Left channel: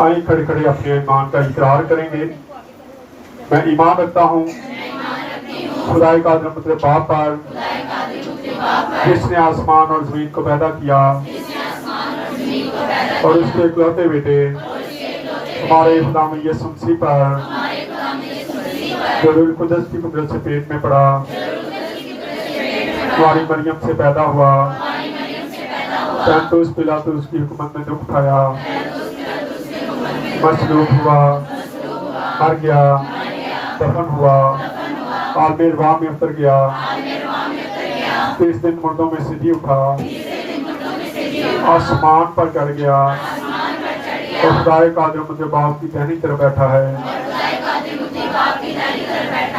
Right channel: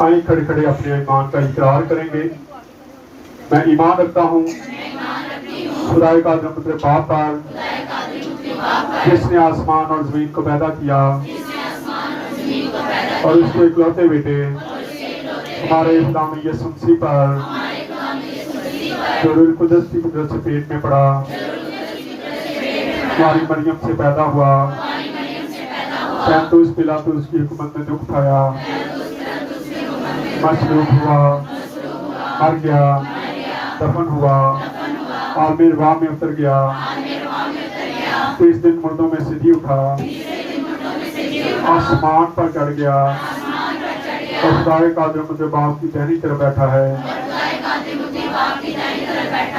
آئیں کھڑے کھڑے اپنے ایمان کا اقرار کریں گے. میں ایمان رکھتا ہوں خدائے قادر مطلب باپ پر جس نے آسمان اور زمین کو پیدا کیا اور اس کے اکلوتے بیٹے ہمارے خدا یسوع مسیح پر جو روح القدس کی قدرت سے پیٹ میں پڑا ہماری مریم سے پیدا ہوا پینتوس پلاطس کی حکومت میں دکھ اٹھایا مصلوب ہوا مر گیا دفن ہوا عالم ارواح میں اتر گیا 30 دن مردوں میں سے جی اٹھا آسمان پر چڑھ گیا اور خدائے قادر مطلب باپ کی دہنی طرف بیٹھا ہے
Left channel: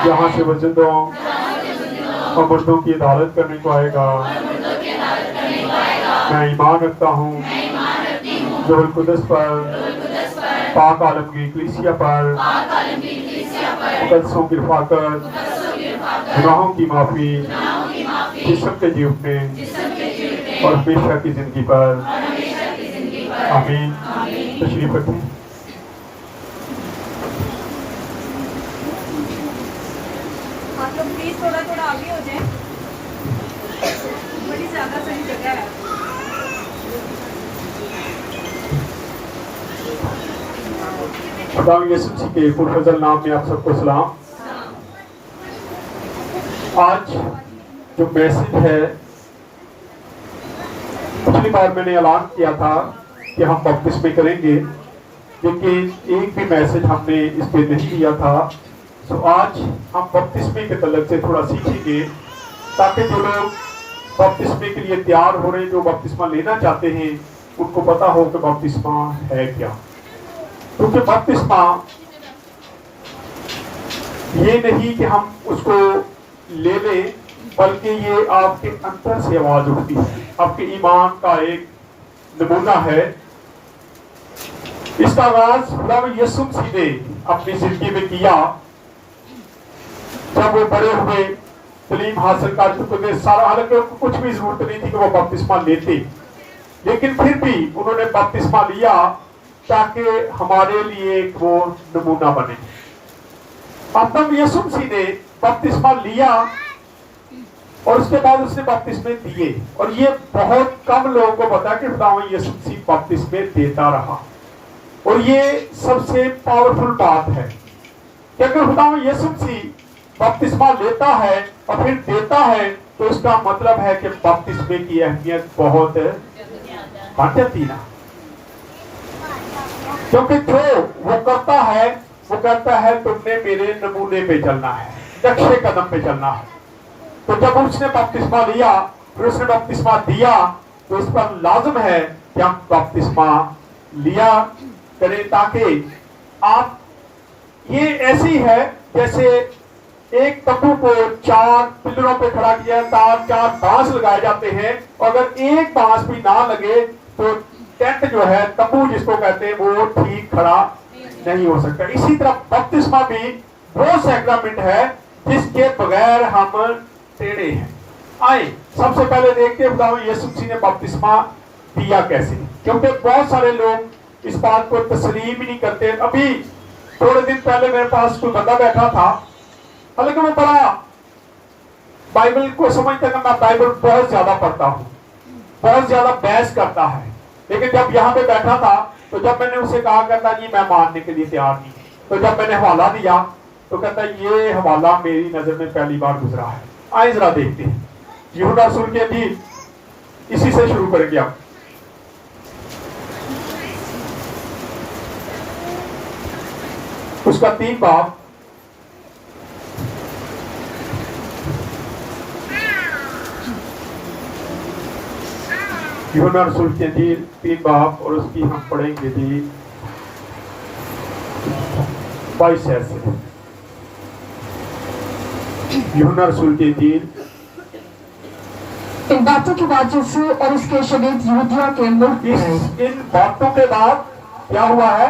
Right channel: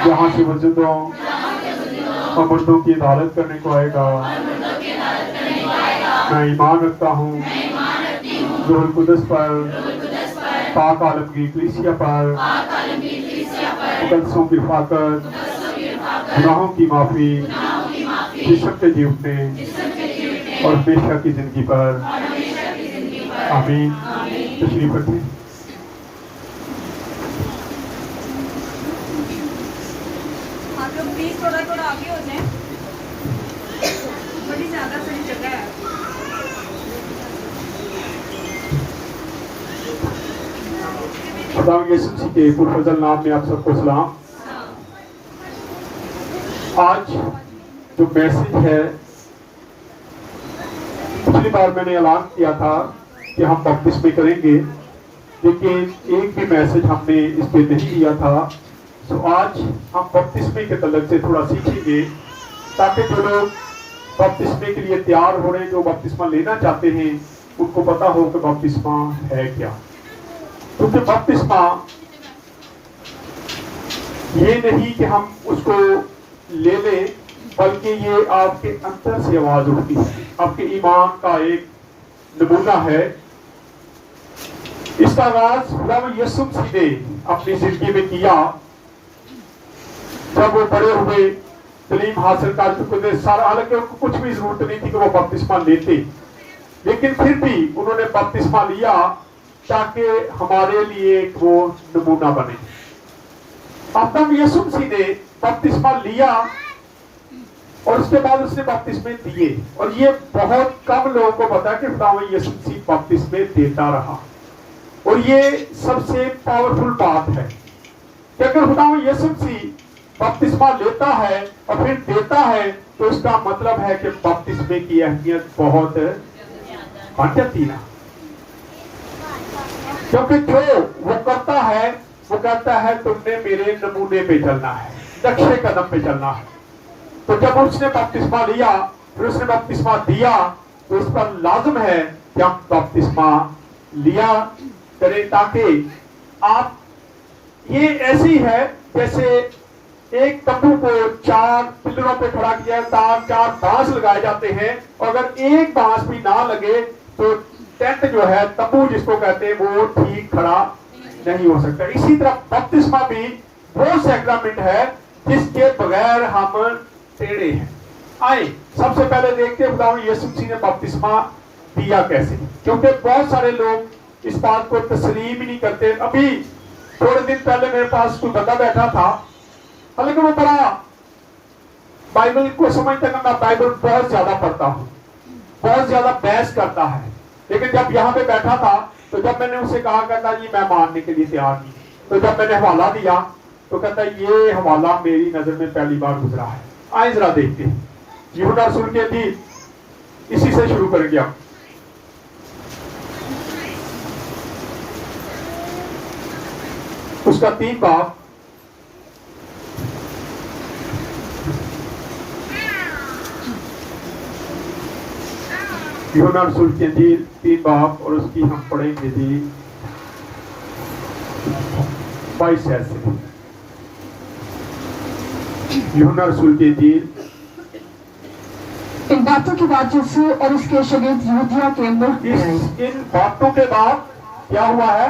جہاں سے وہ زندوں اور مردوں کی عدالت کرنے کو آئے گا. میں ایمان رکھتا ہوں روح القدس پر پاک عالمگیر کلیسیا پر مقدسوں کی رفاقت گناہوں کی معافی جسم کے جی اٹھنے اور ہمیشہ کی زندگی پر آمین. تشریف رکھیں. آپ لوگ پلیز تھوڑا آگے ہو جائیں. بڑی زیادہ صحیح جگہ ہے. خدا یسوع مسیح کے پرفضل نام میں آپ سب کو سلام. آج جو میسج ہے پچھلی بار میں نے اعلان کیا تھا کہ ہم بپتسمے کریں گے لیکن ایک بھی میسج ہم نے اس پہ نہیں دیا تھا. تو آج ہم بپتسمے کے تعلق سے تھوڑا سیکھیں گے تاکہ جو لوگ بپتسمے کے لیے تیار ہو رہے ہیں جو بپتسمہ لینا چاہتے ہیں ان کو پتا ہو کہ بپتسمہ ہے کیا. کیونکہ بپتسمہ یہ نہیں کہ ہم اس کو لے لیں بلکہ یہ آپ کے اندر سے آواز اٹھتی ہے. آپ کے ایمان کا ایک نمونہ ہے. اس کا آغاز خدا یسوع مسیح نے اپنی زندگی میں کیا جب وہ بڑے ہوئے تعلیم حاصل کر چکے تھے. سارا حالانکہ ان کو کچھ بھی ضرورت نہیں تھی کہ وہ بپتسمہ لیتے لیکن پھر بھی انہوں نے بپتسمہ لیا تاکہ ہمارے لیے ایک وہ نمونہ بنے. اپنا یسوع مسیح نے بپتسمہ لیا اور اس کے بعد اس نے بپتسمے دیے اور یہ بہت کم لوگوں کو پتا کہ خدا یسوع مسیح بپتسمے دیتا رہا. اور یہ سب سے پاورفل بات ہے کہ اگر خدا یسوع مسیح بپتسمہ لیتا ہے اور پھر دیتا ہے تو اس کا مطلب ہے کہ بپتسمے کی اہمیت بہت بڑھ جاتی نا. کیونکہ جو وہ کرتا ہے وہ کہتا ہے تم نے میرے نمونے پہ چلنا ہے نقشے قدم پہ چلنا ہے. تو جب اس نے بپتسمہ لیا پھر اس نے بپتسمہ دیا تو اس پر لازم ہے کہ ہم بپتسمہ لیا کریں تاکہ آپ یہ ایسی ہے جیسے ایک تمبو کو 4 پلروں پہ کھڑا کیا ہے 4 بانس لگائے جاتے ہیں اور اگر ایک بانس بھی نہ لگے تو ٹینٹ جو ہے تمبو جس کو کہتے ہیں وہ ٹھیک کھڑا نہیں ہو سکتا. اسی طرح بپتسمہ بھی وہ سیکرامنٹ ہے جس کے بغیر ہم ٹیڑھے ہیں. آئے سب سے پہلے دیکھتے ہیں خدا یسوع مسیح نے بپتسمہ دیا کیسے. کیونکہ بہت سارے لوگ اس بات کو تسلیم ہی نہیں کرتے. ابھی تھوڑے دن پہلے میرے پاس کوئی بندہ بیٹھا تھا حالانکہ وہ بڑا بائبل کو سمجھتا ہے کہ میں بائبل بہت زیادہ پڑھتا ہوں بہت زیادہ بحث کرتا ہے لیکن جب یہاں پہ بیٹھا تھا تو جب میں نے اسے کہا کہتا جی میں ماننے کے لیے تیار نہیں. تو جب میں نے حوالہ دیا تو کہتا یہ حوالہ میری نظر میں پہلی بار گزرا ہے. آئیں ذرا دیکھتے ہیں یوحنا رسول کی انجیل اسی سے شروع کریں گے. ہم اس کا 3 باب یوحنا رسول کی انجیل 3 باب اور اس کی ہم پڑھیں گے جی 22 سے. یوحنا رسول کی انجیل. ان باتوں کے بعد یسوع اور اس کے شاگرد یہودیہ کے ملک میں آئے. ان باتوں کے بعد کیا ہوا ہے؟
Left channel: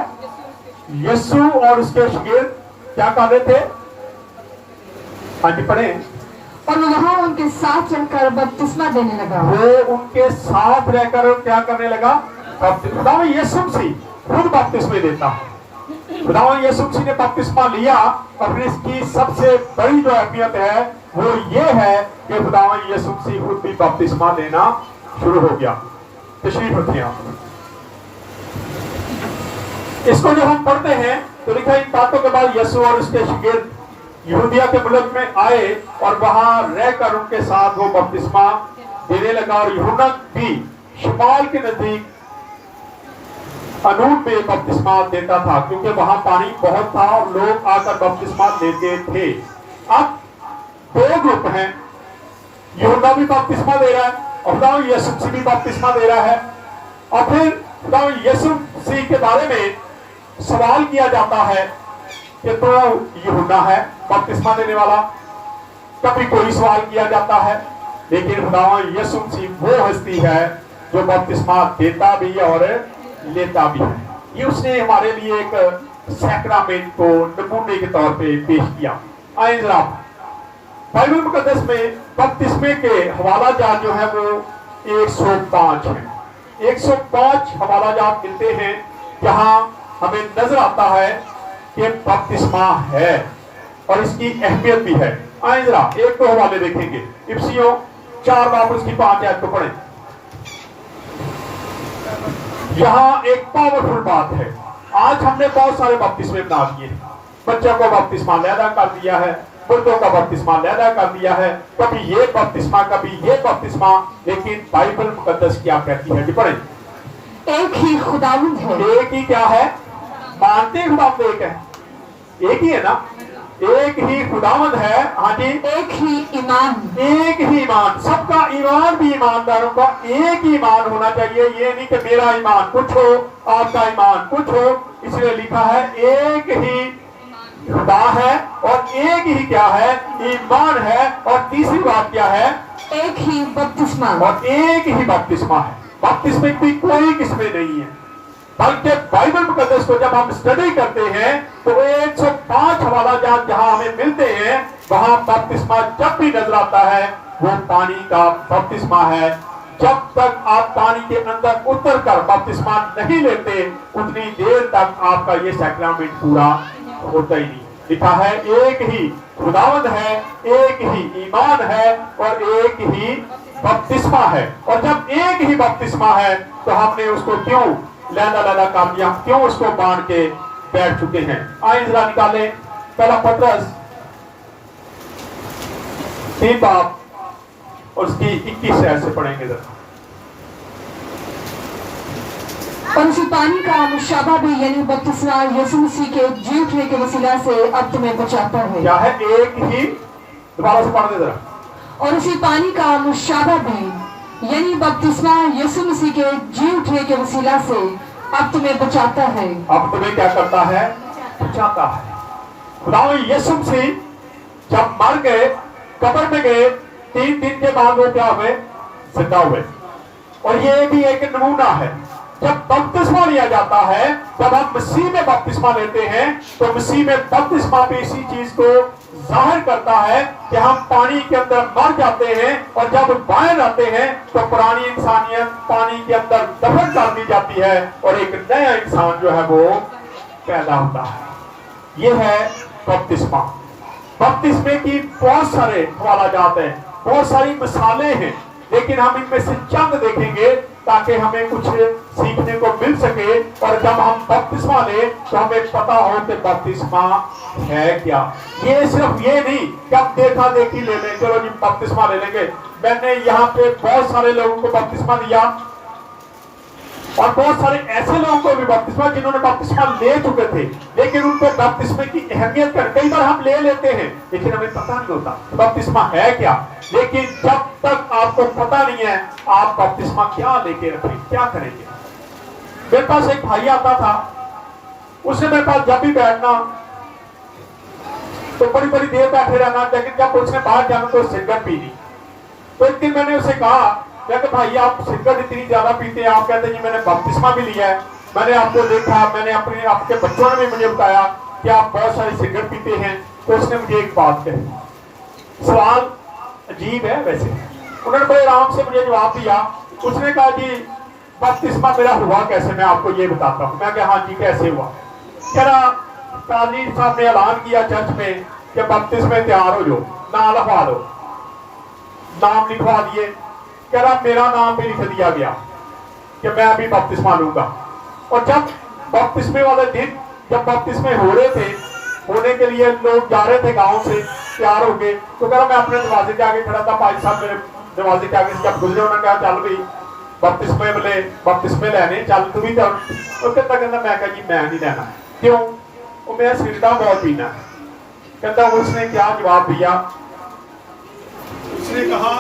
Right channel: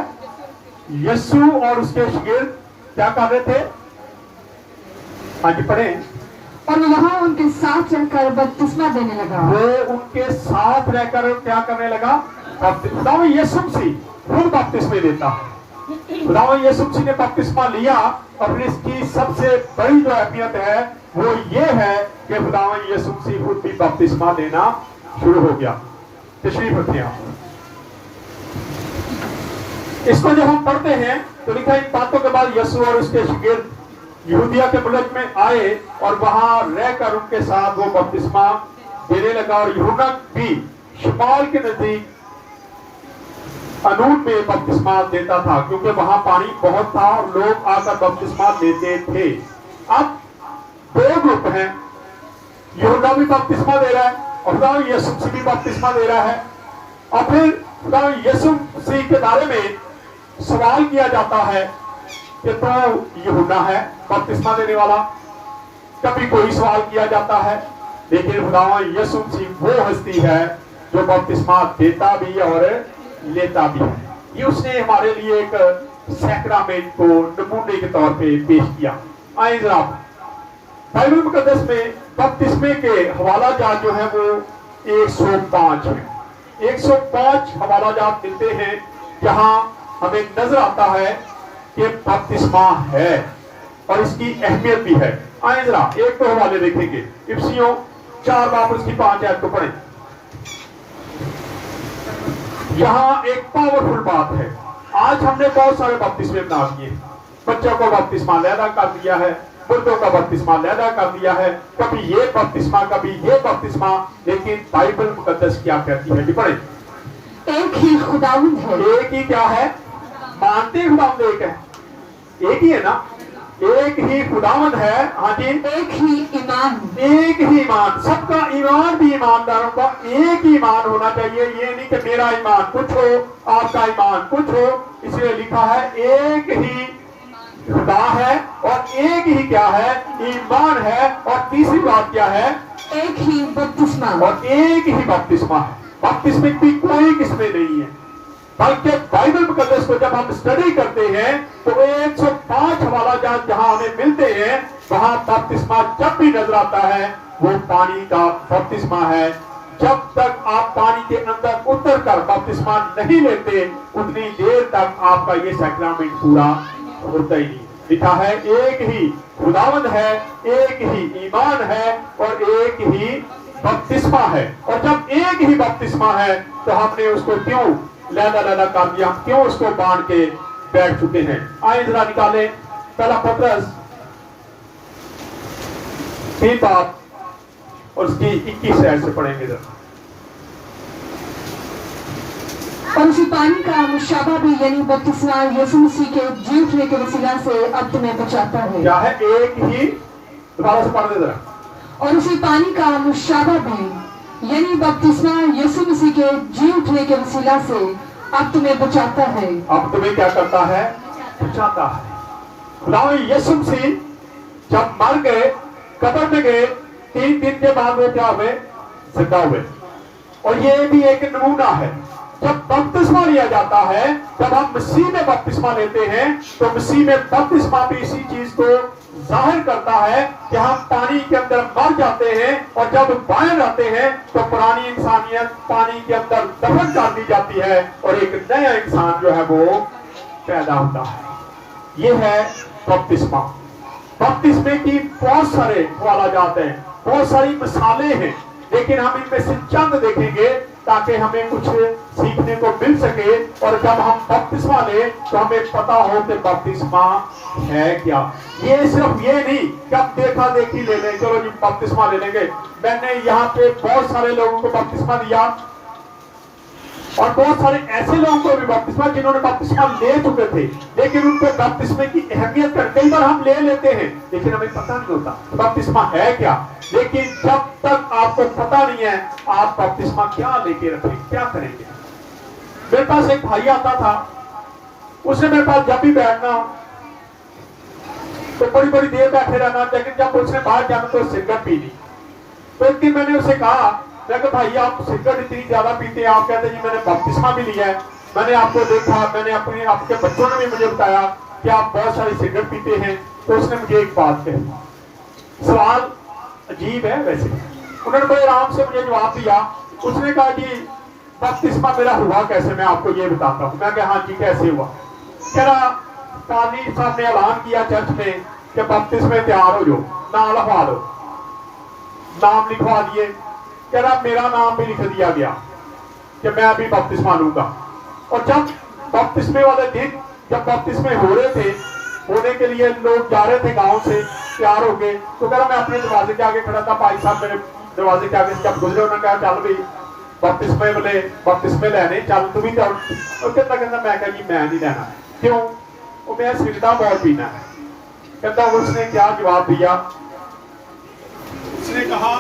یسوع اور اس کے شاگرد کیا کہہ رہے تھے؟ ہاں جی پڑھیں. اور وہاں ان کے ساتھ رہ کر بپتسمہ دینے لگا. وہ ان کے ساتھ رہ کر کیا کرنے لگا؟ خدا یسوع مسیح खुद बपतिस्मे देता है। खुदावंद यीशु मसीह ने बपतिस्मा लिया और फिर इसकी सबसे बड़ी जो अहमियत है वो ये है कि खुदावंद यीशु मसीह खुद भी बपतिस्मा लेना शुरू हो गया। तशरीफ रखिए आप। इसको जब हम पढ़ते हैं तो लिखा इन बातों के बाद यीशु और उसके शागिर्द यहूदिया के मुल्क में आए और वहां रहकर उनके साथ वो बपतिस्मा देने लगा और यूहन्ना भी शिमाल के नजदीक अनून में बपतिस्मा देता था क्योंकि वहां पानी बहुत था और लोग आकर बपतिस्मा लेते थे। अब दो ग्रुप हैं, यूहन्ना भी बपतिस्मा दे रहा है और खुदावंद यीशु मसीह भी बपतिस्मा दे रहा है। और फिर खुदावंद यीशु मसीह के बारे में सवाल किया जाता है कि तो यूहन्ना है बपतिस्मा देने वाला। कभी कोई सवाल किया जाता है, लेकिन खुदावंद यीशु मसीह वो हस्ती है जो बपतिस्मा देता भी और लेता भी है। ये उसने हमारे लिए एक सैक्रामेंट को नमूने के तौर पे पेश किया। आइए जरा बाइबल मुकद्दस में बपतिस्मे के हवाला जात जो है वो 105 है। 105 हवाला जात मिलते हैं जहां हमें नजर आता है कि बपतिस्मा है और इसकी अहमियत भी है। आइए जरा एक दो हवाले देखेंगे। इफिसियों 4 बाब उसकी 5 आयत को पढ़ें। यहाँ एक पावरफुल बात है। आज हमने बहुत सारे बपतिस्मे बना दिए। बच्चों को बपतिस्मा लैदा कर दिया है, बुजुर्गों का बपतिस्मा लैदा कर दिया है, कभी ये बपतिस्मा कभी ये बपतिस्मा। लेकिन बाइबल मुकद्दस क्या कहती है? पढ़ें। एक ही खुदावंद है। एक ही क्या है? मानते हैं खुदावंद एक है, एक ही है ना? एक ही खुदावंद है। हाँ जी, एक ही ईमान। एक ही ईमान। सबका ईमान भी ईमानदारों का एक ही ईमान होना चाहिए। ये नहीं कि मेरा ईमान कुछ हो आपका ईमान कुछ हो। इसलिए लिखा है एक ही खुदा है और एक ही क्या है? ईमान है। और तीसरी बात क्या है? एक ही बपतिस्मा। और एक ही बपतिस्मा है। बपतिस्मे की कोई किस्में नहीं है, बल्कि बाइबल मुकद्दस को जब हम स्टडी करते हैं तो 105 हवाला जात जहां हमें मिलते हैं वहां बपतिस्मा जब भी नजर आता है वो पानी का बपतिस्मा है। जब तक आप पानी के अंदर उतर कर बपतिस्मा नहीं लेते उतनी देर तक आपका ये सैक्रामेंट पूरा होता ही नहीं। लिखा है एक ही खुदावंद है, एक ही ईमान है और एक ही बपतिस्मा है। और जब एक ही बपतिस्मा है तो हमने उसको क्यों लैदा लैदा कर दिया? हम क्यों उसको बांध के बैठ चुके हैं? आइए जरा निकालें पहला पत्रस 3 बाब और उसकी 21 आयत से पढ़ेंगे जरा। और उसी पानी का मुशाबा भी यानी बपतिस्मा यीशु मसीह के जी उठने के वसीला से अब तुम्हें बचाता है। क्या है? एक ही, दोबारा से पढ़ दे जरा। और उसी पानी का मुशाबा भी यानी बपतिस्मा यीशु मसीह के जी उठने के वसीला से अब तुम्हें बचाता है। अब तुम्हें क्या करता है? बचाता है। खुदावंद यीशु मसीह जब मर गए, कब्र में गए, 3 दिन के बाद वो क्या हुए? जिंदा हुए। और ये भी एक नमूना है। जब बपतिस्मा लिया जाता है, जब हम मसीह में बपतिस्मा लेते हैं तो मसीह में बपतिस्मा भी इसी चीज को जाहिर करता है कि हम पानी के अंदर मर जाते हैं और जब बाहर आते हैं तो पुरानी इंसानियत पानी के अंदर दफन कर दी जाती है और एक नया इंसान जो है वो पैदा होता है। ये है बपतिस्मा। बपतिस्मे की बहुत सारे हवाला जात हैं, बहुत सारी मिसालें हैं, लेकिन हम इनमें से चंद देखेंगे ताकि हमें कुछ सीखने को मिल सके। और जब हम बपतिस्मा ले तो हमें पता हो कि बपतिस्मा है क्या। ये सिर्फ ये नहीं कि आप देखा देखी ले लें, चलो जी बपतिस्मा ले लेंगे। मैंने यहाँ पे बहुत सारे लोगों को बपतिस्मा दिया और बहुत सारे ऐसे लोगों को भी बपतिस्मा जिन्होंने बपतिस्मा ले चुके थे, लेकिन उनको बपतिस्मे की अहमियत कर कई बार हम ले लेते हैं लेकिन हमें पता नहीं होता बपतिस्मा है क्या। लेकिन जब तक आपको पता नहीं है आप बपतिस्मा क्या लेके रखें, क्या करेंगे। मेरे पास एक भाई आता था, उसने मेरे पास जब भी बैठना तो बड़ी बड़ी देर बैठे रहना, लेकिन जब उसने बाहर जाना तो सिगरेट पीनी। तो एक दिन मैंने उसे कहा, भाई आप सिगरेट इतनी ज्यादा पीते हैं, आप कहते हैं मैंने बपतिस्मा भी लिया है, मैंने आपको देखा, मैंने अपने आपके बच्चों ने भी मुझे बताया कि आप बहुत सारी सिगरेट पीते हैं। तो उसने मुझे एक बात कही, सवाल अजीब है वैसे, उन्होंने बड़े आराम से मुझे जवाब दिया। उसने कहा जी बपतिस्मा मेरा हुआ कैसे, मैं आपको ये बताता हूँ। मैं कहा हाँ जी कैसे हुआ। कह रहा काजी साहब ने ऐलान किया चर्च में कि बपतिस्मे तैयार हो जाओ, नाम लिखवा दो। नाम लिखवा दिए। कह रहा मेरा नाम भी लिख दिया गया कि मैं अभी बपतिस्मा लूंगा। और जब बपतिस्मे वाले दिन जब बपतिस्मे हो रहे थे, होने के लिए लोग जा रहे थे गांव से तैयार हो गए, तो कह रहा मैं अपने दरवाजे के आगे खड़ा था, भाई साहब मेरे दरवाजे के आगे जब गुजरे उन्होंने कहा चल भाई बपतिस्मे वाले बपतिस्मे लेने चल तू भी चल। और कहता मैं कहा जी मैं नहीं लेना। क्यों? वो मैं सिगरेटा बहुत पीना है। कहता उसने क्या जवाब दिया? उसने कहा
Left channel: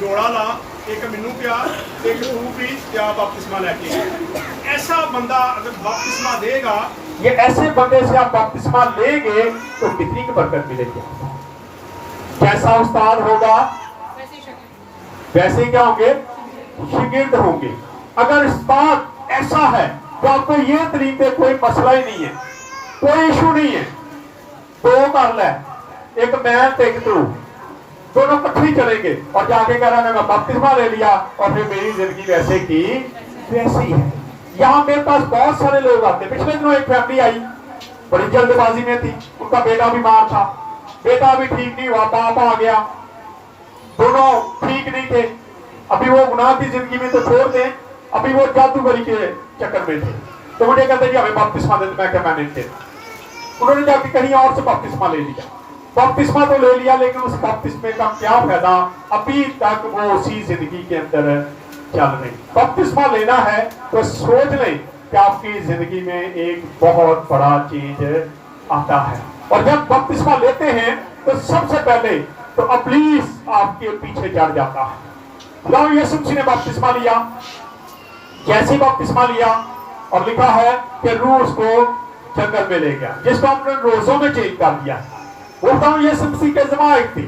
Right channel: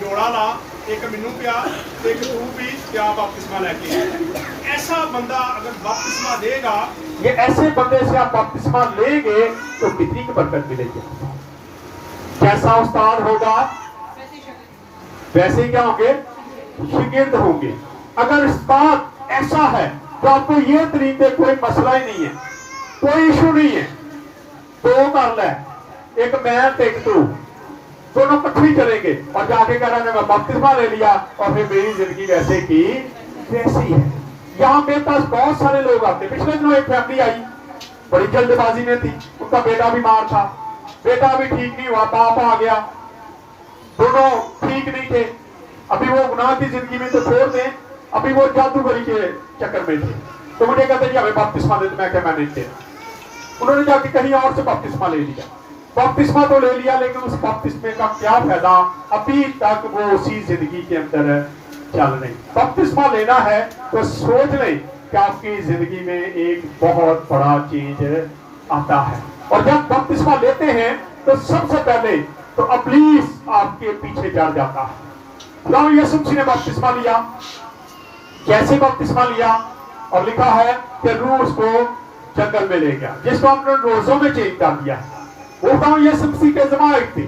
जोड़ा ला, एक मैनू पिया एक तू पी, क्या बपतिस्मा लेके। ऐसा बंदा अगर बपतिस्मा देगा, ये ऐसे बंदे से आप बपतिस्मा लेंगे तो कितनी बरकत मिलेगी। जैसा उस्ताद होगा वैसे ही क्या होंगे, शिगिर्द होंगे। अगर उस्ताद ऐसा है तो आपको ये तरीके कोई मसला ही नहीं है, कोई इशू नहीं है। दो कर ले, एक मैं तो एक तू, दोनों इकट्ठे चलेंगे और जाके कह रहा है मैं बपतिस्मा ले लिया और फिर मेरी जिंदगी वैसे की वैसी है। यहाँ मेरे पास बहुत सारे लोग आते। पिछले दिनों एक फैमिली आई, बड़ी जल्दबाजी में थी, उनका बेटा बीमार था, बेटा भी ठीक नहीं हुआ, बाप आ गया, दोनों ठीक नहीं थे। अभी वो गुनाह की जिंदगी में तो छोड़ दें, अभी वो जादूगरी के चक्कर में थे। तो मुझे कहते जी हमें बपतिस्मा दे, मैं क्या मैंने किया। उन्होंने जाके कहीं और से बपतिस्मा ले लिया। बपतिस्मा तो ले लिया, लेकिन उस बपतिस्मे का क्या फायदा, अभी तक वो उसी जिंदगी के अंदर चल रहे। बपतिस्मा लेना है तो सोच लें कि आपकी जिंदगी में एक बहुत बड़ा चीज आता है। और जब बपतिस्मा लेते हैं तो सबसे पहले तो इब्लीस आपके पीछे चढ़ जाता है। खुदा यीशु मसीह ने बपतिस्मा लिया, जैसे बपतिस्मा लिया और लिखा है कि रूह उसको जंगल में ले गया, जिसको हमने रोजों में चेंज कर दिया है। वो यीशु मसीह के जमानत थी,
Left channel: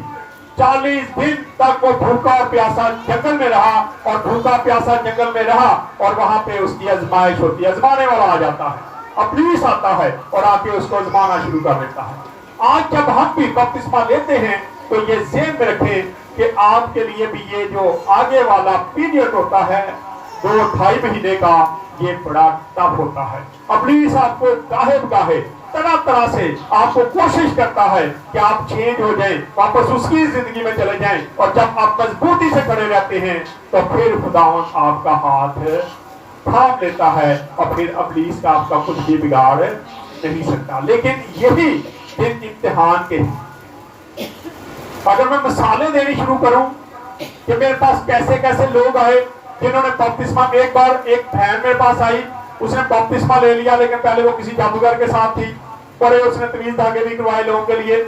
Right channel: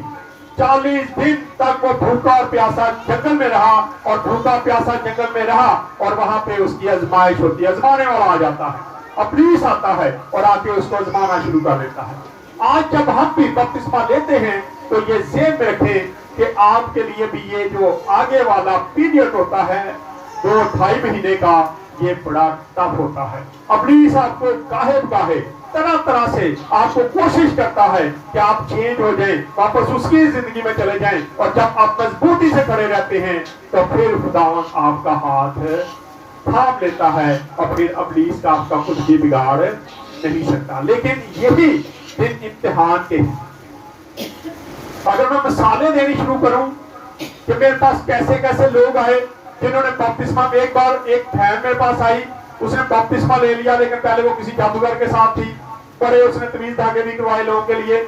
40 दिन तक वो भूखा और प्यासा जंगल में रहा और भूखा प्यासा जंगल में रहा और वहां पे उसकी आजमाइश होती है। आजमाने वाला आ जाता है, इब्लीस आता है और आके उसको आजमाना शुरू कर देता है। आज जब हम भी बपतिस्मा लेते हैं तो ये ज़हन में रखें कि आपके लिए भी ये जो आगे वाला पीरियड होता है 2-2.5 महीने का, ये बड़ा टफ होता है। इब्लीस आपको गाहे तरह तरह से आपको कोशिश करता है कि आप चेंज हो जाएं, वापस उसकी जिंदगी में चले जाएं। और जब आप मजबूती से खड़े रहते हैं तो फिर खुदावन आपका हाथ थाम लेता है और फिर इब्लीस का आपका कुछ भी बिगाड़ नहीं सकता। लेकिन यही दिन इम्तिहान के, अगर मैं मिसालें देनी शुरू करूं कि मेरे पास कैसे कैसे लोग आए जिन्होंने बपतिस्मा में, एक बार एक बहन मेरे पास आई, उसने बपतिस्मा ले लिया, लेकिन पहले वो किसी जादूगर के साथ थी, बड़े उसने तवीज धागे भी करवाए लोगों के लिए।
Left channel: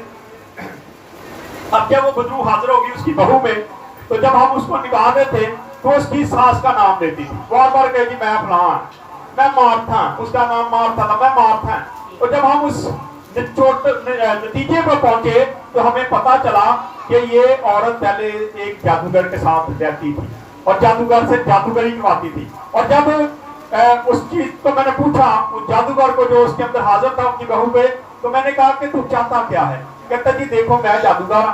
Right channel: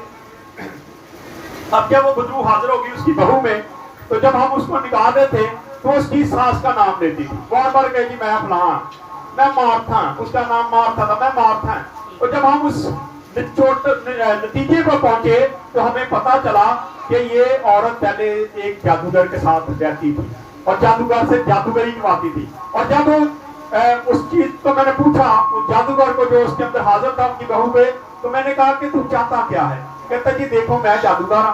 अब जब वो बदरू हाजिर होगी उसकी बहू में, तो जब हम उसको निकालते थे तो उसकी सास का नाम लेती थी, बार बार कहेगी मैं फलां, मैं मार्था, उसका नाम मार्था था, मैं मार्था। और जब हम उस नतीजे पर पहुंचे तो हमें पता चला कि ये औरत पहले एक जादूगर के साथ रहती थी और जादूगर से जादूगरी करवाती थी। और जब उस चीज तो मैंने पूछा उस जादूगर को जो उसके अंदर हाजिर था, उनकी बहू पे, तो मैंने कहा कि तू चाहता क्या है? कहता जी देखो मैं जादूगर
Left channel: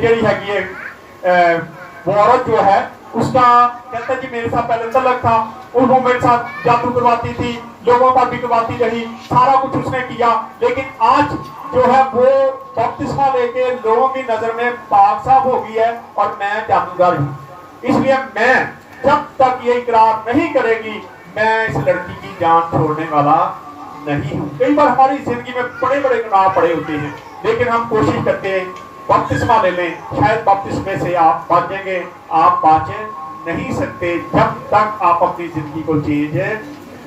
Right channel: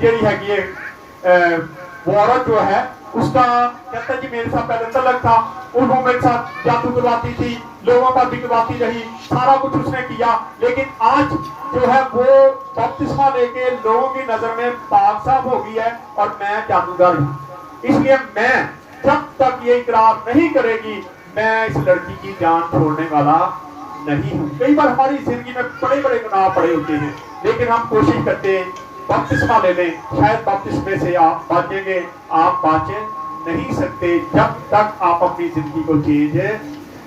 जी है वो औरत जो है उसका, कहता जी मेरे साथ पहले तलक था, वो मेरे साथ जादू करवाती थी, लोगों का भी करवाती रही, सारा कुछ उसने किया, लेकिन आज जो है वो बपतिस्मा लेके लोगों की नजर में पाक साफ हो गई है और मैं जादूगर हूँ। इसलिए मैं जब तक ये इकरार नहीं करेगी मैं इस लड़की की जान छोड़ने वाला नहीं हूँ। कई बार हमारी जिंदगी में बड़े बड़े गुनाह पड़े होते हैं, लेकिन हम कोशिश करते हैं बपतिस्मा ले लें, शायद बपतिस्मे से आप बचेंगे। आप बच नहीं सकते जब तक आप अपनी जिंदगी को चेंज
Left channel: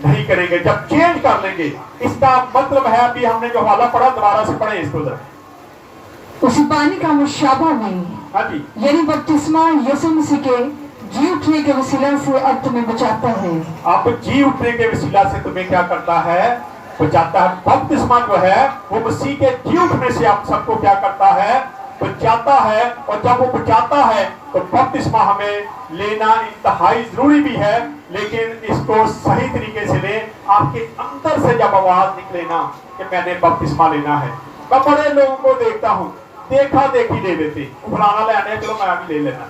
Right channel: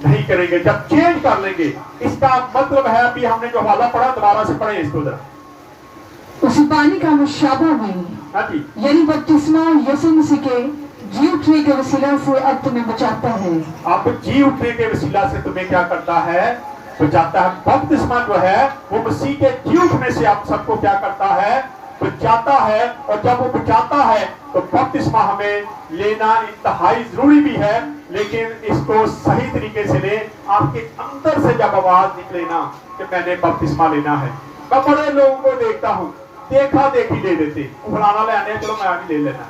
नहीं करेंगे। जब चेंज कर लेंगे, इसका मतलब है, अभी हमने जो हवाला पढ़ा दोबारा से पढ़े इसको जरा। उसी पानी का मुशाबा में, हाँ जी, यानी बपतिस्मा यीशु मसीह के जी उठने के वसीला से अब तुम्हें बचाता है। आप जी उठने के वसीला से तुम्हें क्या करता है? बचाता है। बपतिस्मा जो है वो मसीह के जी उठने से आप सबको क्या करता है? बचाता है। और जब वो बचाता है तो बपतिस्मा हमें लेना इंतहाई जरूरी भी है, लेकिन इसको सही तरीके से ले। आपके अंदर से जब आवाज निकले ना कि मैंने बपतिस्मा लेना है। मैं बड़े लोगों को देखता हूँ, देखा देखी ले लेते, फलाना लेने चलो मैं भी ले लेना,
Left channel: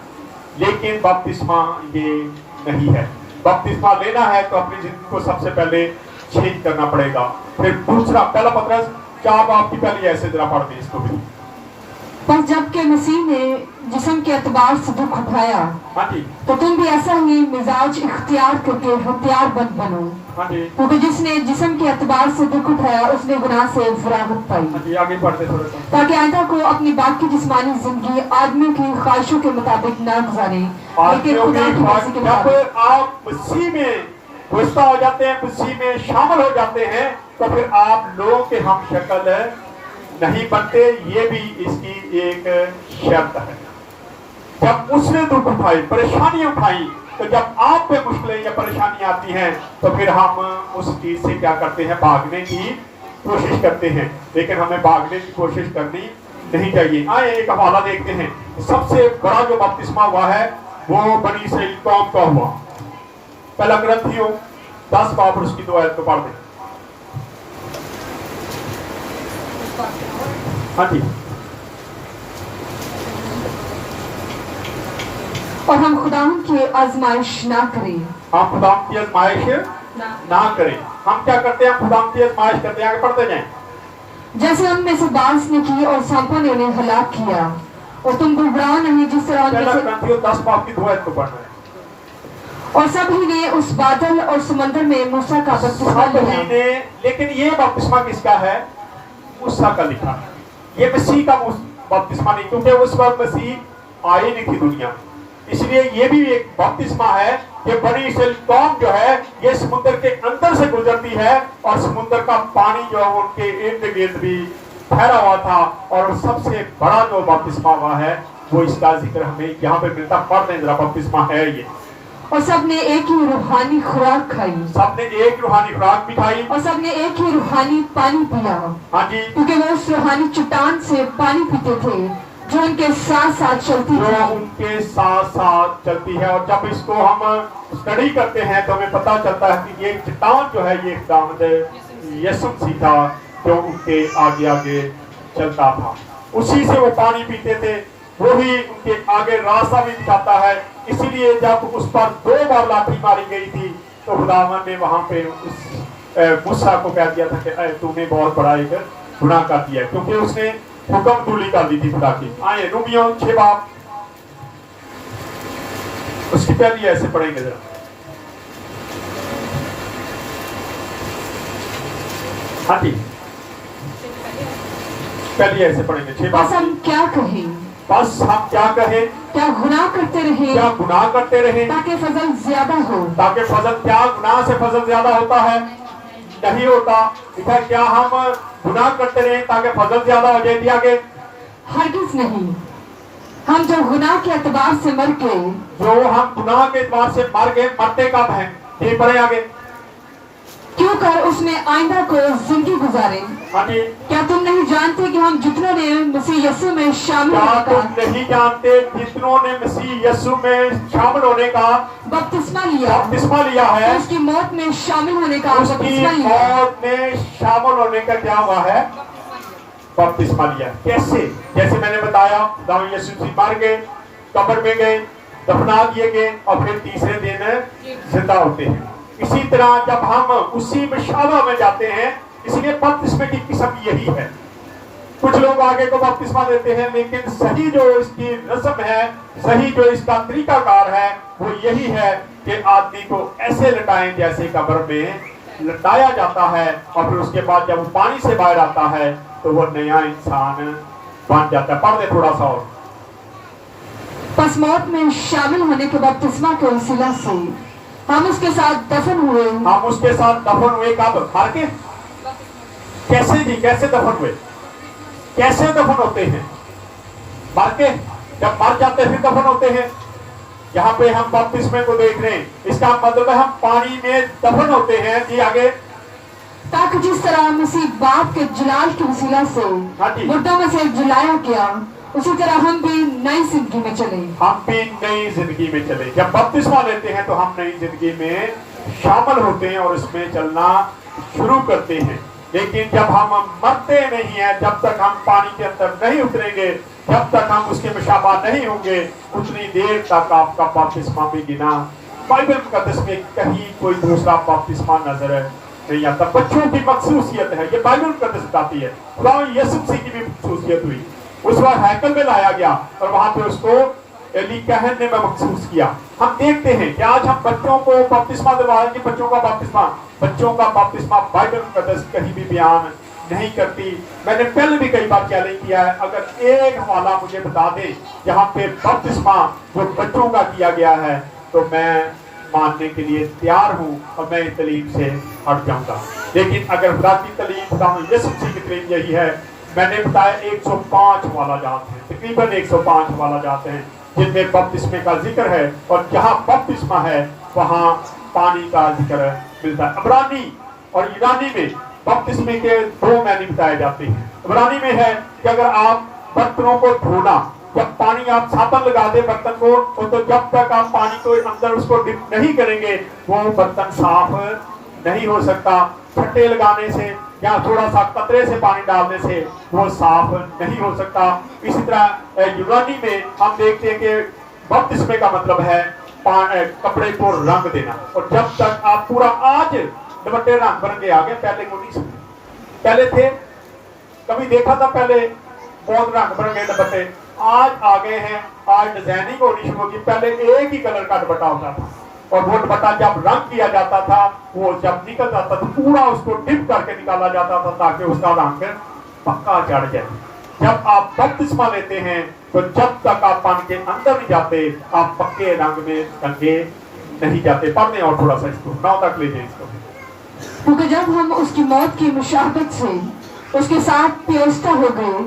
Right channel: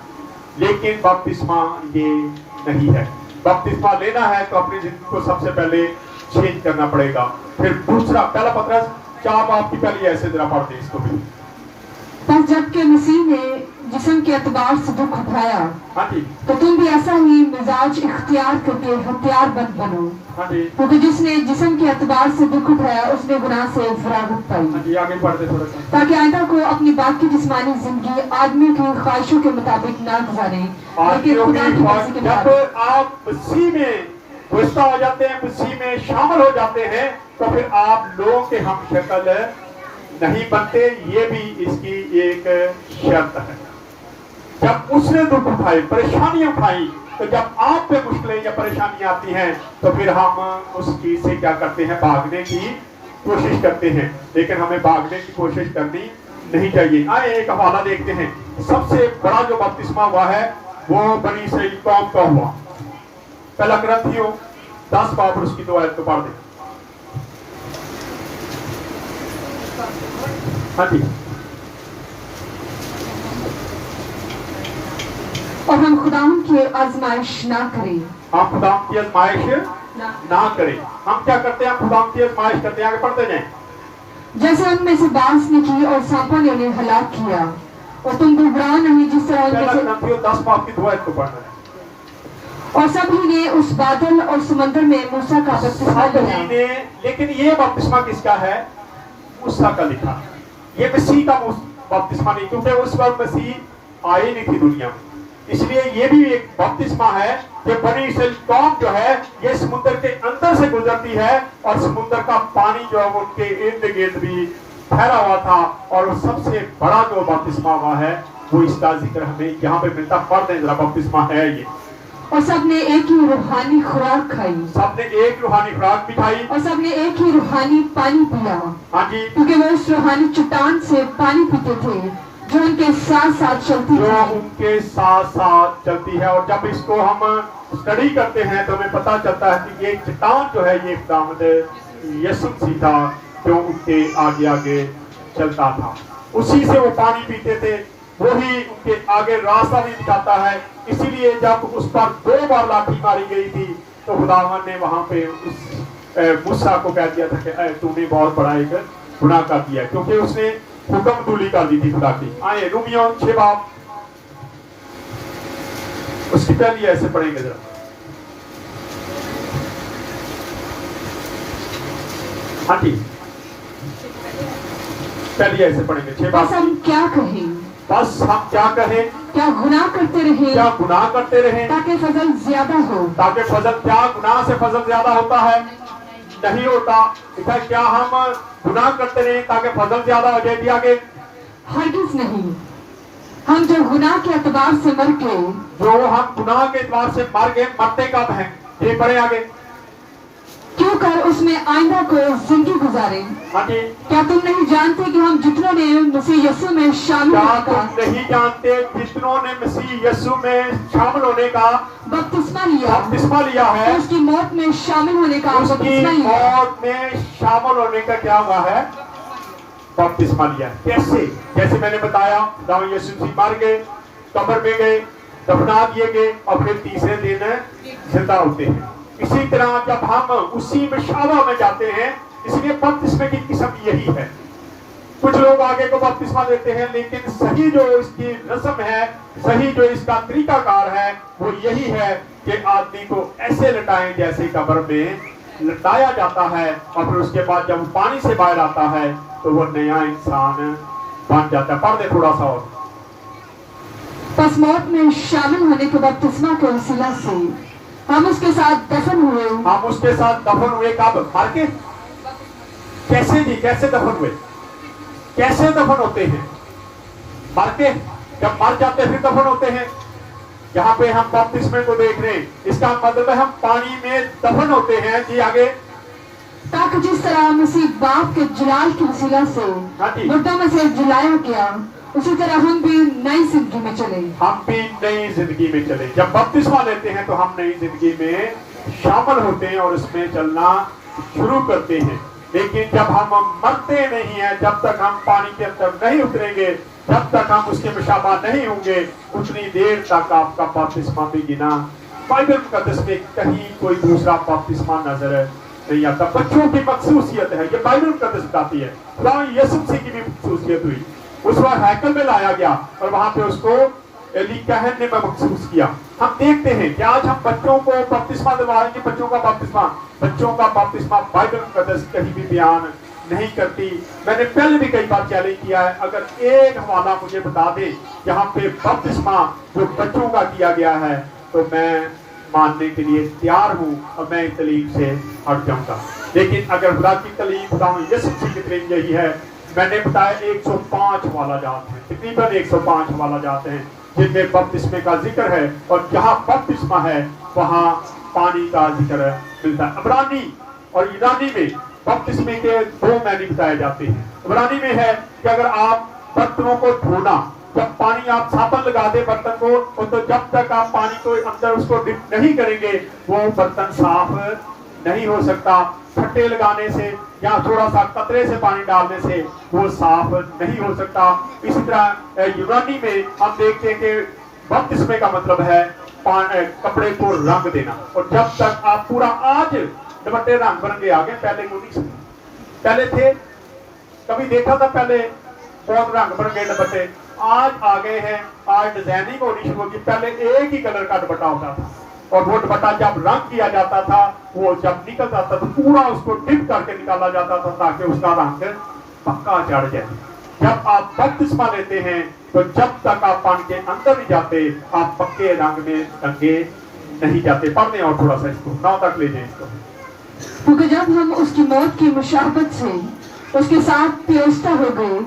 लेकिन बपतिस्मा ये नहीं है। बपतिस्मा लेना है तो अपनी जिंदगी को सबसे पहले चेंज करना पड़ेगा। फिर दूसरा, पहला पत्रस 4 बाब की पहली ऐसे जरा पढ़ दें इसको भी। पर जबकि मसीह ने जिस्म के एतबार से दुख उठाया, हाँ जी, तो तुम भी ऐसा ही मिजाज इख्तियार करके हथियारबंद बनो, हाँ जी, क्योंकि जिसने जिस्म के एतबार से दुख उठाया उसने गुनाह से फरागत पाई, हाँ जी, आगे पढ़ते थोड़ा सा। ताकि आइंदा को अपनी बाकी जिस्मानी जिंदगी आदमियों की ख्वाहिशों के मुताबिक ना गुजारे, लेकिन खुदा की मर्जी के जब मुताबिक। आप मसीह में घुसता हो जाते हैं, मसीह में शामिल हो जाते हैं, तो फिर आप लोगों के हम शक्ल नहीं बनते। ये भी इसकी एक शर्त है। जब उसने दुख उठाई, परेशानी उठाई, तो जब आप पे मुश्किलें या परेशानी आती हैं तो फिर हम उस चीज से क्या करते हैं, भागने की कोशिश करते हैं। लेकिन हमें भागने की कोशिश करनी नहीं चाहिए। आइए एक हवाला देखते हैं। सबसे बड़ा जो बपतिस्मा हुआ है वो बनी इस्राएल कौम का हुआ। पहला ग्रंथियों 10 बाब और उसकी 2 आयत को पढ़ दें। हाँ जी, और हम खुदावंद की आजमाइश ना करें, हम खुदा की आजमाइश ना करें। हम क्या करते हैं, खुदा की आजमाइश करते हैं। आगे पढ़ते हैं। जैसे उनमें से बांस ने की और सांपों ने उन्हें हलाक किया, और तुम घबराओ नहीं जिस तरह पहला उनमें से, ग्रंथियों 10 बाब की 2 आयत को पढ़ना है। और सभी ने उस बादल और समंदर में मूसा का बपतिस्मा लिया। लेकिन ये बपतिस्मा किसका है? मूसा का लिखा। ये मसीह का बपतिस्मा नहीं, क्योंकि उस वक्त मसीह आई नहीं थी दुनिया में। इसलिए ये भी एक बपतिस्मा है कि बनी इस्राएल कौम जो है ये समुद्र के अंदर से गुजरती है, और समुद्र का पानी जो है उनके इर्द गिर्द भी ठहरा हुआ था। और सबसे बड़ा जो बपतिस्मा हुआ है वो इसका जिक्र हमें यहाँ पे मिलता। पढ़ दें जरा, बपतिस्मा है ये। और सबने एक ही रूहानी खुराक खाई, सबने एक रूहानी खुराक भी खाई, और सबने एक ही रूहानी पानी पिया, हाँ जी, क्योंकि वो उस रूहानी चट्टान से पानी पीते थे जो उनके साथ साथ चलती जो थी। उनके साथ साथ चलती है। और जब इसको हम स्टडी करते हैं तो हमें पता चलता है कि ये चट्टान जो है ये खुदावंद यीशु मसीह था जो उनके आगे आगे चलता था। उसी से वो पानी पीते थे, वही उनके आगे रास्ता भी दिखाता है। इसीलिए जब उस पर 2 बार लाठी मारी गई थी तो खुदावंद ने वहां पे उस मूसा को कह दिया था कि तूने बहुत बड़ा एक गुनाह कर दिया, क्योंकि उसने हुक्म तूली कर दी थी खुदा की। आए रोमियो 6 बाब उसकी पहली ऐसे पढ़ेंगे जरा। हाँ जी, पहली ऐसे पढ़ेंगे 6 बस बाब। हम क्या कहें, बस हम क्या कहें, क्या गुनाह करते रहे क्या गुनाह करते रहे ताकि फजल ज्यादा हो। ताकि फजल, क्या गुनाह से फजल ज्यादा होता है? नहीं होता। क्या हम गुनाह करते रहे ताकि फजल ज्यादा हो जाए? आगे, हरगिज नहीं। हम जो गुनाह के एतबार से मर के, जो हम गुनाह के एतबार से मर गए, मरते कब हैं? ये पढ़े आगे। क्यों कर उसमें आइंदा को जिंदगी गुजारे। हाँ जी, क्या तुम नहीं जानते कि हम जितनों ने मसीह यीशु में शामिल क्या होने तुम का नहीं जानते जितनों ने मसीह यीशु में शामिल होने का बपतिस्मा लिया, बपतिस्मा लिया है, उसकी मौत में शामिल होने का उसकी बपतिस्मा लिया। मौत में शामिल होने का क्या हुआ है? बपतिस्मा लिया। कैसे? जैसे मैंने बताया, दाऊद यीशु मसीह मर गए, कब्र में गए, दफना दिए गए, और फिर तीसरे दिन जिंदा होते हैं। इसी तरह जब हम उसी मशाबा में जाते हैं, इसलिए बपतिस्मे की किस्म यही है। कुछ लोग आगे को बपतिस्मा देते हैं, लेकिन सही जो इसकी रस्म है, सही जो इसका तरीकाकार है, वो यही है कि आदमी को ऐसे लटाएं जैसे कब्र में लटाया जाता है, और फिर उसके बाद जब वो पानी से बाहर आता है तो वो नया इंसान बन जाता है। पढ़ दे थोड़ा सा और। बस मौत में शामिल होने के बपतिस्मा के वसीला से हम उसके साथ दफन हुए। हम उसके साथ दफन हुए कब? मर के। कैसे जी? कैसे दफन हुए? कैसे दफन होते हैं? मर के। जब मर जाते फिर दफन होते हैं। यहाँ पे हम बपतिस्मे को देख रहे हैं, इसका मतलब है हम पानी में दफन होते हैं। जी आगे। ताकि जिस तरह मसीह बाप के जलाल के वसीला से हाँ जी। मुर्दों में से जलाया गया, उसी तरह हम भी नई जिंदगी में चले। हम भी नई जिंदगी में चले। जब बपतिस्मा लेते हैं तो हम नई जिंदगी में शामिल होते हैं और उसमें चलना शुरू करते हैं। लेकिन जब हम मरते नहीं हैं, जब तक हम पानी के अंदर नहीं उतरेंगे, जब तक हम उसके मुशाबा नहीं होंगे, उतनी देर तक आपका बपतिस्मा भी गिना। बाइबल मुकद्दस में कहीं कोई दूसरा बपतिस्मा नजर नहीं आता। बच्चों की मखसूसियत है, ये बाइबल मुकद्दस बताती है। खुदा यीशु मसीह की भी मखसूसियत हुई। उस बार हैकल में लाया गया और वहां पे उसको एली कहन ने महसूस किया। हम देखते हैं कि आज हम बच्चों को बपतिस्मा दिलवाएंगे, बच्चों का बपतिस्मा बाइबल मुकद्दस कहीं भी बयान नहीं करती। मैंने पहले भी कई बार चैलेंज किया है, अगर एक हवाला मुझे बता दे जहाँ पे बपतिस्मा जो बच्चों का किया गया है, तो मैं मानने के लिए तैयार हूँ और मैं इस तलीम से हट जाऊंगा। लेकिन अगर खुदा की तलीम, खुदा यीशु मसीह की तलीम यही है, मैंने बताया 105 हवाला जाते हैं, तकरीबन 105 हवाला जाते हैं जिनमें बपतिस्मे का जिक्र है, और जहाँ बपतिस्मा है वहाँ पानी का जिक्र मिलता है। इब्रानी और यूनानी में बपतिस्मे के दो मैनी बताए जाते हैं। इब्रानी में है कि अगर आप बर्तनों को धोना, जब पानी आप साबुन लगा दे बर्तन को, तो जब तक आप पानी को अंदर उसको डिप नहीं करेंगे वो बर्तन साफ नहीं हो सकता। छट्टे लगाने से या थोड़ा सा कतरे से पानी डालने से वो साफ नहीं हो सकता। इसी तरह यूनानी में हम देखते हैं कि बपतिस्मे का मतलब है कपड़े को रंग देना। और जब तक आप पूरा, आज दुपट्टे रंग बन के आगे, पहले को नहीं समझे, पहले थे, कभी देखा था पहले बहुत रंग बन गए दुपट्टे, आज आ गए हैं, आज डिजाइनिंग होनी शुरू होगी। पहले एक ही कलर का दुपट्टा होता था और वो दुपट्टा जब रंग किया जाता था, वो जब निकल जाता था पूरा उसको डिप करके निकाला जाता था ताकि उसका रंग पक्का चढ़ जाए। जब आप बपतिस्मा लेते हैं तो जब तक आप पानी के अंदर नहीं जाते आप पक्के रंग में रंगे नहीं जाते। पढ़ने और थोड़ा सा इसको 9 तक ले जाए इसको। क्योंकि जब हम उसकी मौत की मुशाबत से उसके साथ पेवस्ता हो गए,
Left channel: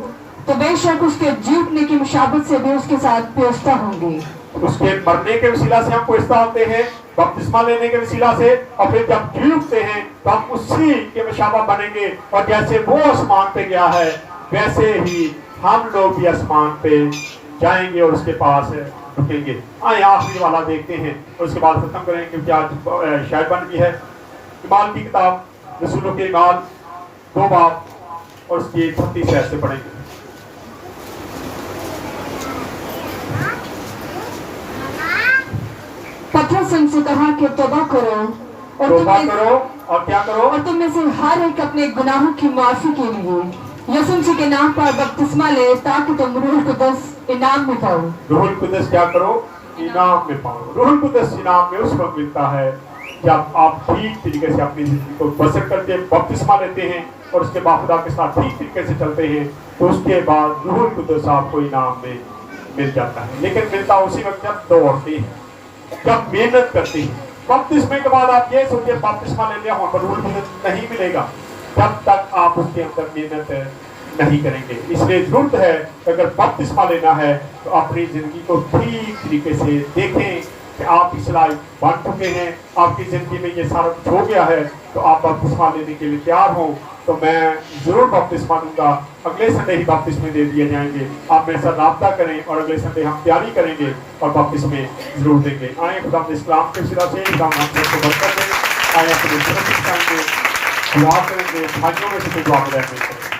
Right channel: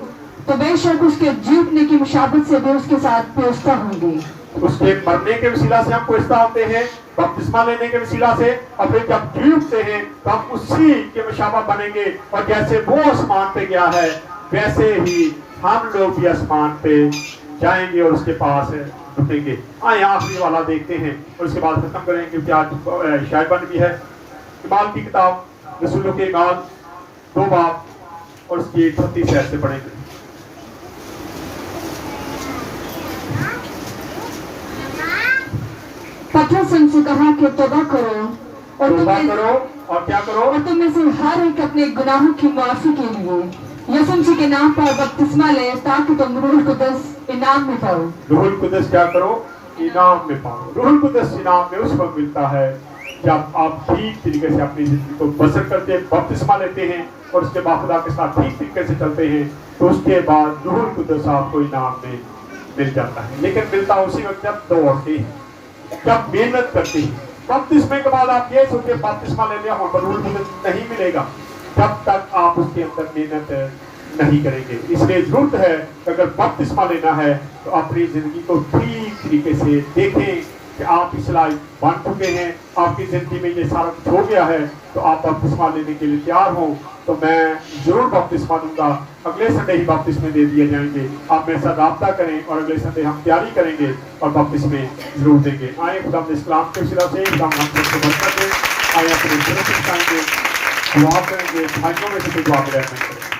तो बेशक उसके जी उठने की मुशाबत से भी उसके साथ पेवस्ता होंगे। उसके मरने के वसीला से हम पेवस्ता होते हैं, बपतिस्मा लेने के वसीला से, और फिर जब जी उठते हैं तो हम उसी के मुशाबा बनेंगे। और जैसे वो आसमान पे गया है वैसे ही हम लोग भी आसमान पे जाएंगे और उसके पास रुकेंगे। आए आखिरी वाला देखते हैं और उसके बाद खत्म करेंगे, क्योंकि आज शायद बन गई है। इमाल की किताब, रसूलों के इमाल 2 बाब और उसकी 36 ऐसे पढ़ेंगे। पतरस उनसे कहा कि तौबा करो और तौबा करो और क्या करो, और तुम में से हर एक अपने गुनाहों की माफी के लिए यीशु मसीह के नाम पर बपतिस्मा ले, ताकि तुम रूहुल कुदस इनाम में पाओ। रूहुल कुदस क्या करो, इनाम में पाओ। रूहुल कुदस इनाम में उस वक्त मिलता है जब आप ठीक तरीके से अपनी जिंदगी को बसर करके बपतिस्मा लेते हैं और उसके बाद खुदा के साथ ठीक तरीके से चलते हैं, तो उसके बाद रूहुल कुदस आपको इनाम में मिल जाता है। लेकिन मिलता उसी वक्त जब दौड़ते हैं, जब मेहनत करते हैं। बपतिस्मे के बाद आप ये सोचिए बपतिस्मा ले लिया और रूहुल कुदस नहीं मिलेगा जब तक आप उसके अंदर मेहनत नहीं करेंगे। इसलिए जरूरत है कि अगर बपतिस्मा लेना है तो अपनी जिंदगी को ठीक तरीके से देखें कि आप इस लायक बन चुके हैं, आपकी जिंदगी में ये सारा कुछ हो गया है, तो आप बपतिस्मा लेने के लिए तैयार हो। तो मैं जरूर बपतिस्मा दूंगा। अगले संडे ही बपतिस्मे दे दिए जाएंगे। आप मेरे साथ राब्ता करें और अगले संडे हम तैयारी करेंगे और बपतिस्मे जरूर देंगे। आए खुदा इस्लाम के सिरा से दुआ करेंगे, भाइयों में से दुआ करेंगे।